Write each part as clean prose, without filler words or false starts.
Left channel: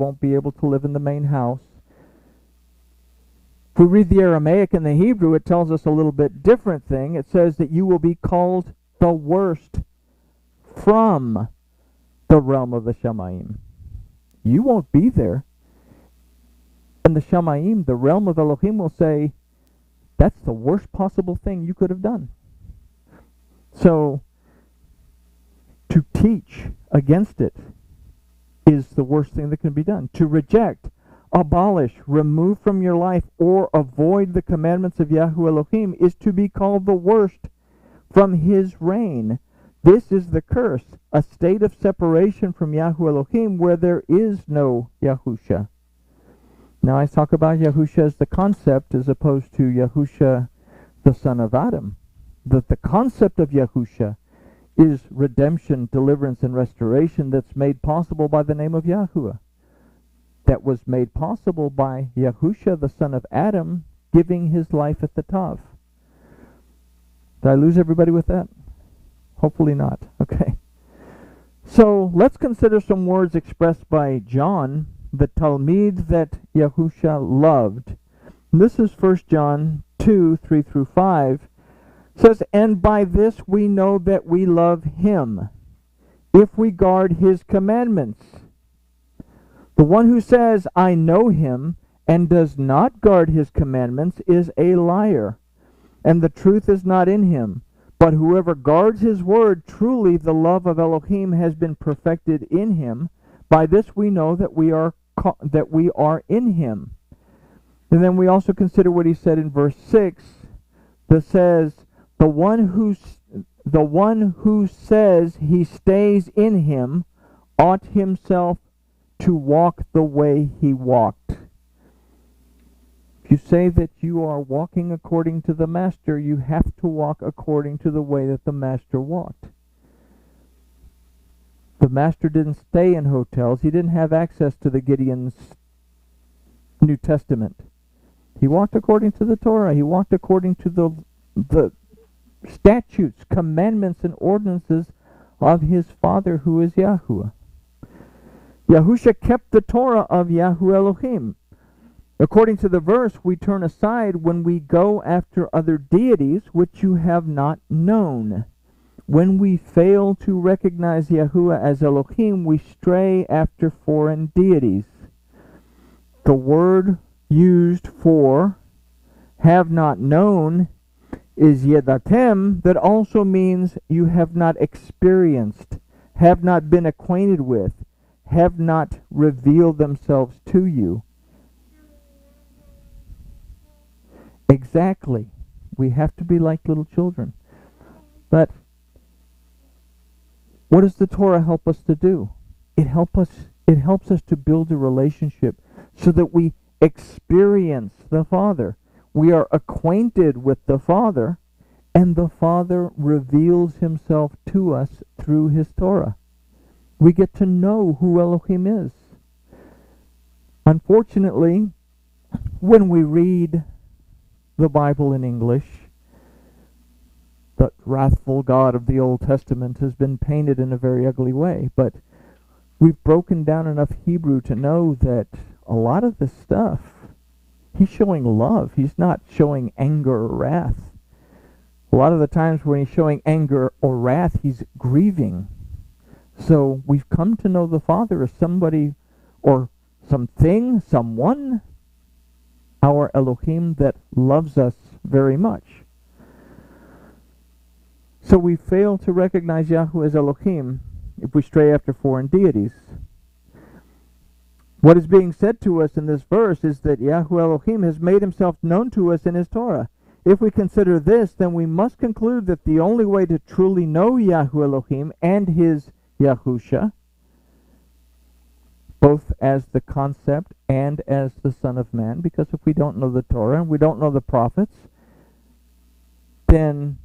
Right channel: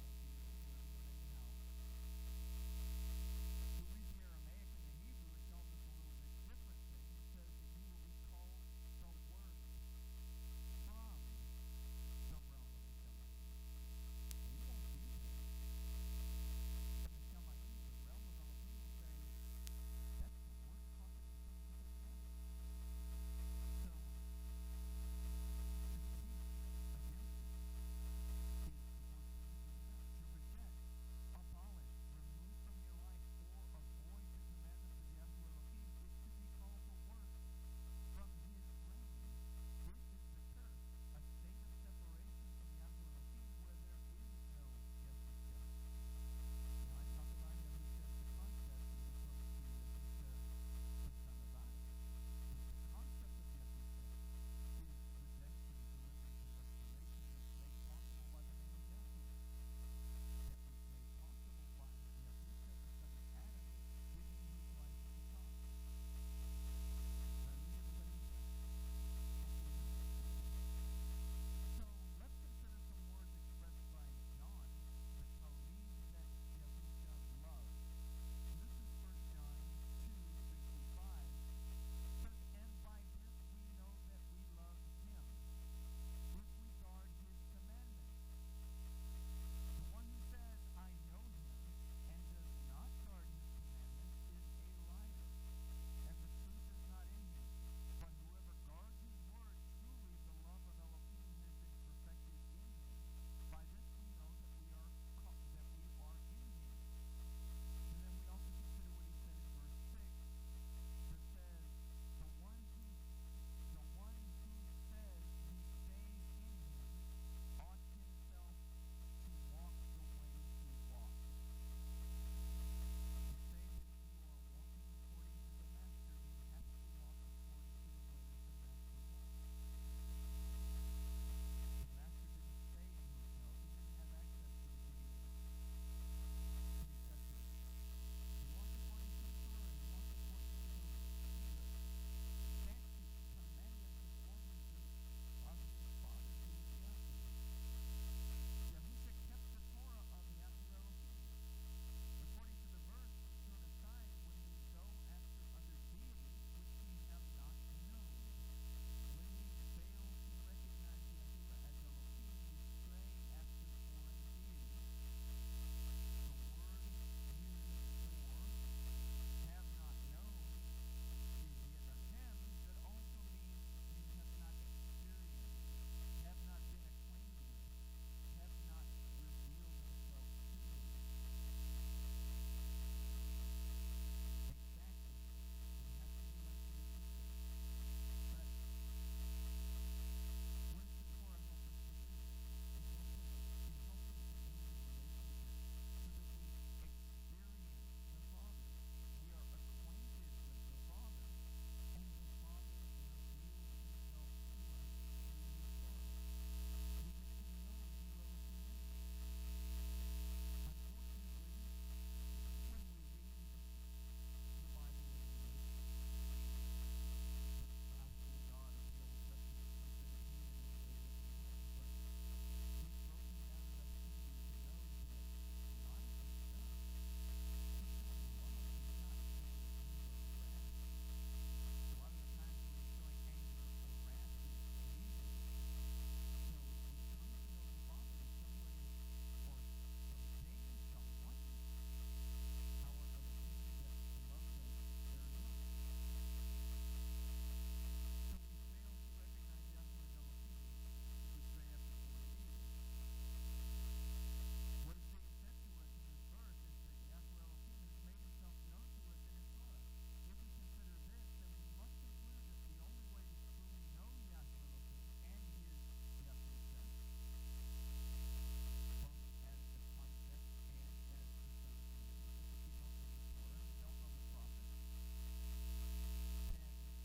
won't be able to live in the main house. If we read the Aramaic and the Hebrew, it tells us a little bit different thing. It says that you will be called the worst from the realm of the Shamayim. You won't be there. And the Shamayim, the realm of Elohim, will say, that's the worst possible thing you could have done. So, to teach against it is the worst thing that can be done. To reject, abolish, remove from your life, or avoid the commandments of Yahweh Elohim is to be called the worst from his reign. This is the curse, a state of separation from Yahweh Elohim where there is no Yahusha. Now I talk about Yahusha as the concept as opposed to Yahusha, the son of Adam. That the concept of Yahusha is redemption, deliverance, and restoration that's made possible by the name of Yahuwah. That was made possible by Yahusha, the son of Adam, giving his life at the Tav. Did I lose everybody with that? Hopefully not. Okay. So let's consider some words expressed by John, the Talmid that Yahusha loved. And this is 1 John 2, 3 through 5. It says, and by this we know that we love him, if we guard his commandments. The one who says, I know him, and does not guard his commandments is a liar, and the truth is not in him. But whoever guards his word, truly the love of Elohim has been perfected in him. By this we know that we are in him. And then we also consider what he said in verse 6 that says, the one who says he stays in him ought himself to walk the way he walked. If you say that you are walking according to the Master, you have to walk according to the way that the Master walked. The Master didn't stay in hotels. He didn't have access to the Gideon's New Testament. He walked according to the Torah. He walked according to the statutes, commandments, and ordinances of his Father, who is Yahuwah. Yahusha kept the Torah of Yahweh Elohim. According to the verse, we turn aside when we go after other deities which you have not known. When we fail to recognize Yahuwah as Elohim, we stray after foreign deities. The word used for have not known is yedatem, that also means you have not experienced, have not been acquainted with, have not revealed themselves to you. Exactly. We have to be like little children. But what does the Torah help us to do? It helps us to build a relationship so that we experience the Father. We are acquainted with the Father, and the Father reveals himself to us through his Torah. We get to know who Elohim is. Unfortunately, when we read the Bible in English, the wrathful God of the Old Testament has been painted in a very ugly way, but we've broken down enough Hebrew to know that a lot of this stuff, he's showing love. He's not showing anger or wrath. A lot of the times when he's showing anger or wrath, he's grieving. So we've come to know the Father as somebody or something, someone, our Elohim that loves us very much. So we fail to recognize Yahweh as Elohim if we stray after foreign deities. What is being said to us in this verse is that Yahweh Elohim has made himself known to us in his Torah. If we consider this, then we must conclude that the only way to truly know Yahweh Elohim and his Yahusha, both as the concept and as the Son of Man, because if we don't know the Torah and we don't know the prophets, then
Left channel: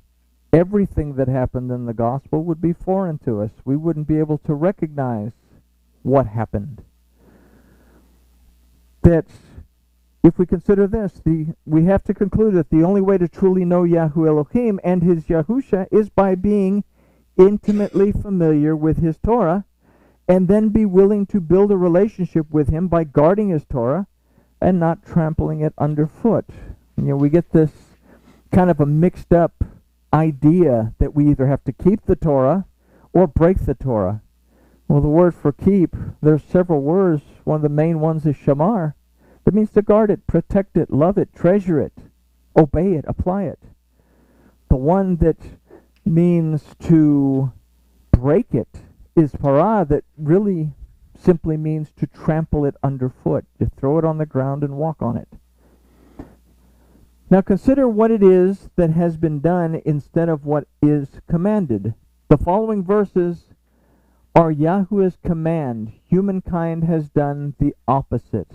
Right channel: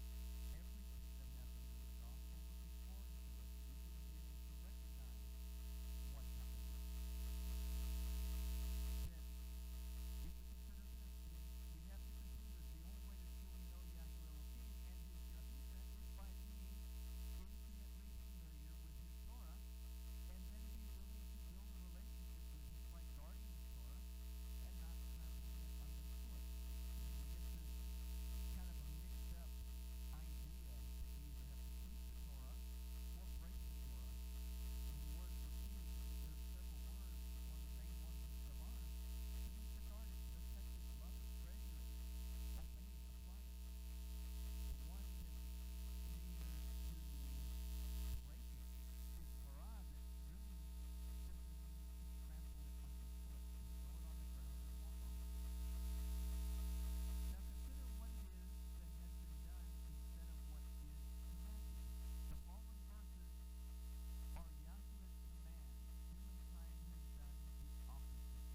everything that happened in the gospel would be foreign to us. We wouldn't be able to recognize what happened. That if we consider this, we have to conclude that the only way to truly know Yahweh Elohim and his Yahusha is by being intimately familiar with his Torah and then be willing to build a relationship with him by guarding his Torah and not trampling it underfoot. We get this kind of a mixed up idea that we either have to keep the Torah or break the Torah. Well, the word for keep, there's several words. One of the main ones is shamar. It means to guard it, protect it, love it, treasure it, obey it, apply it. The one that means to break it is parah, that really simply means to trample it underfoot. You throw it on the ground and walk on it. Now consider what it is that has been done instead of what is commanded. The following verses are Yahuwah's command. Humankind has done the opposite.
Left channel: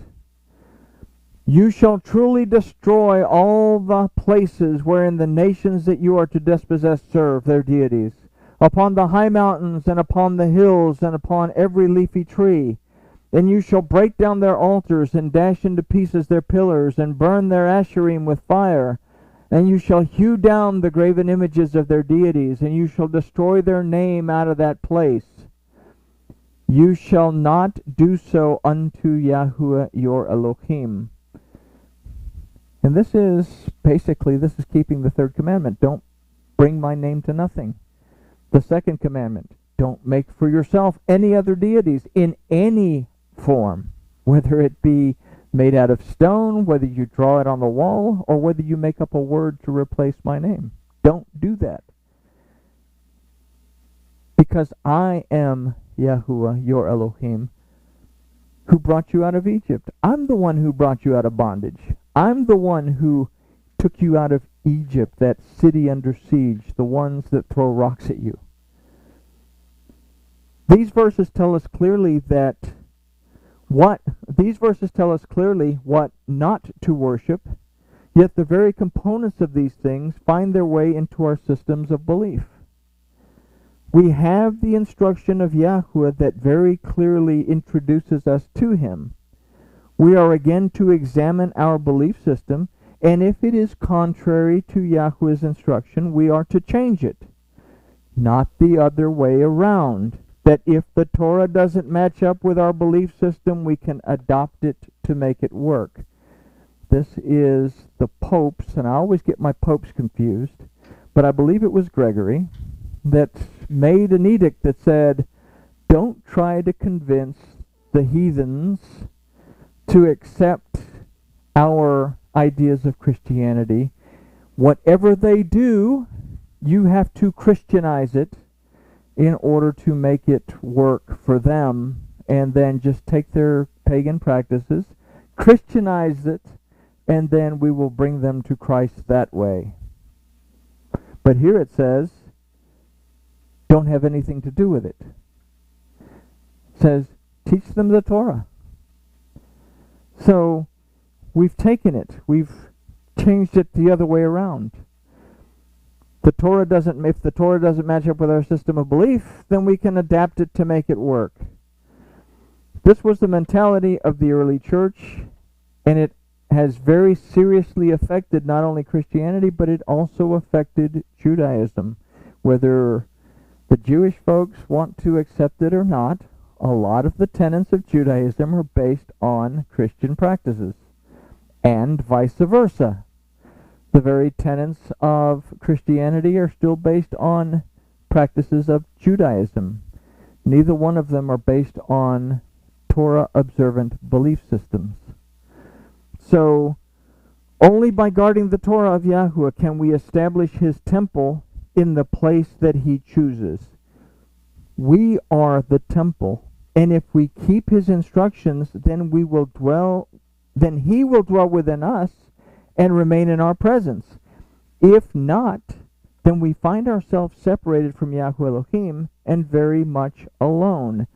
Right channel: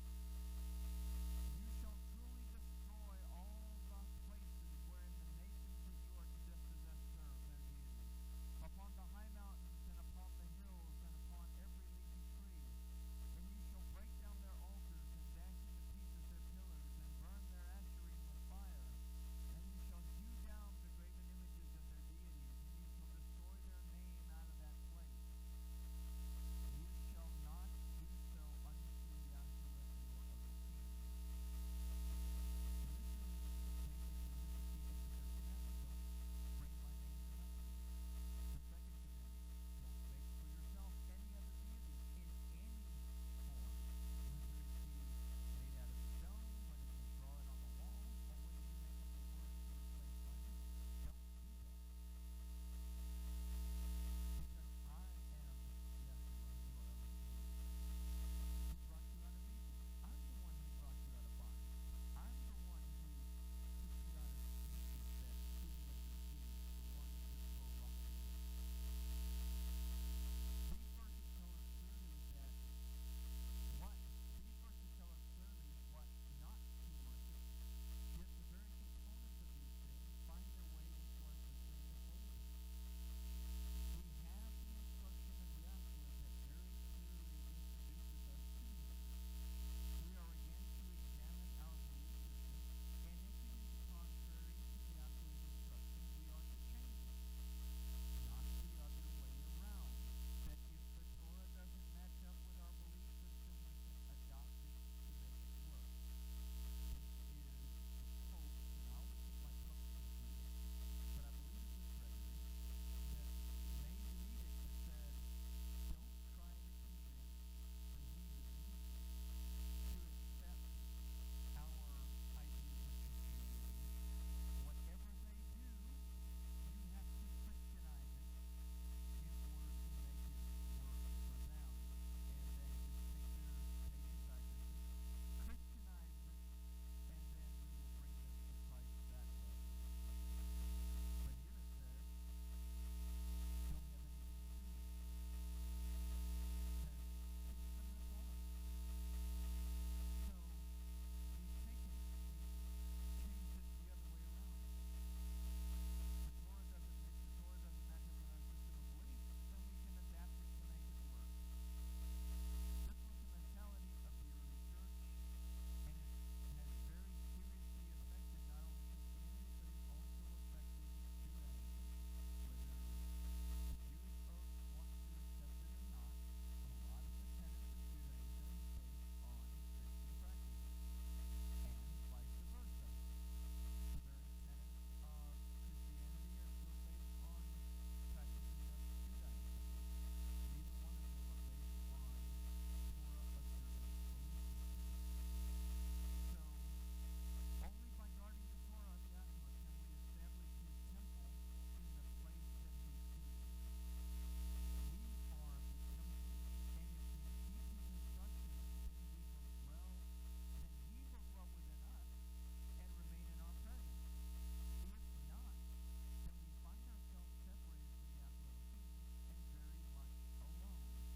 You shall truly destroy all the places wherein the nations that you are to dispossess serve their deities, upon the high mountains and upon the hills and upon every leafy tree. And you shall break down their altars and dash into pieces their pillars and burn their asherim with fire. And you shall hew down the graven images of their deities, and you shall destroy their name out of that place. You shall not do so unto Yahuwah your Elohim. And this is keeping the third commandment. Don't bring my name to nothing. The second commandment, don't make for yourself any other deities in any form, whether it be made out of stone, whether you draw it on the wall, or whether you make up a word to replace my name. Don't do that. Because I am Yahuwah, your Elohim, who brought you out of Egypt. I'm the one who brought you out of bondage. I'm the one who took you out of Egypt, that city under siege, the ones that throw rocks at you. These verses tell us clearly what not to worship, yet the very components of these things find their way into our systems of belief. We have the instruction of Yahuwah that very clearly introduces us to him. We are again to examine our belief system, and if it is contrary to Yahuwah's instruction, we are to change it. Not the other way around, that if the Torah doesn't match up with our belief system, we can adopt it to make it work. This is the popes, and I always get my popes confused, but I believe it was Gregory that made an edict that said, don't try to convince the heathens to accept our ideas of Christianity. Whatever they do, you have to Christianize it in order to make it work for them, and then just take their pagan practices, Christianize it, and then we will bring them to Christ that way. But here it says, don't have anything to do with it. It says, teach them the Torah. So, we've taken it. We've changed it the other way around. If the Torah doesn't match up with our system of belief, then we can adapt it to make it work. This was the mentality of the early church, and it has very seriously affected not only Christianity, but it also affected Judaism. Whether the Jewish folks want to accept it or not, a lot of the tenets of Judaism are based on Christian practices, and vice versa. The very tenets of Christianity are still based on practices of Judaism. Neither one of them are based on Torah-observant belief systems. So, only by guarding the Torah of Yahuwah can we establish his temple in the place that he chooses. We are the temple, and if we keep his instructions, then he will dwell within us and remain in our presence. If not, then we find ourselves separated from Yahuwah Elohim and very much alone.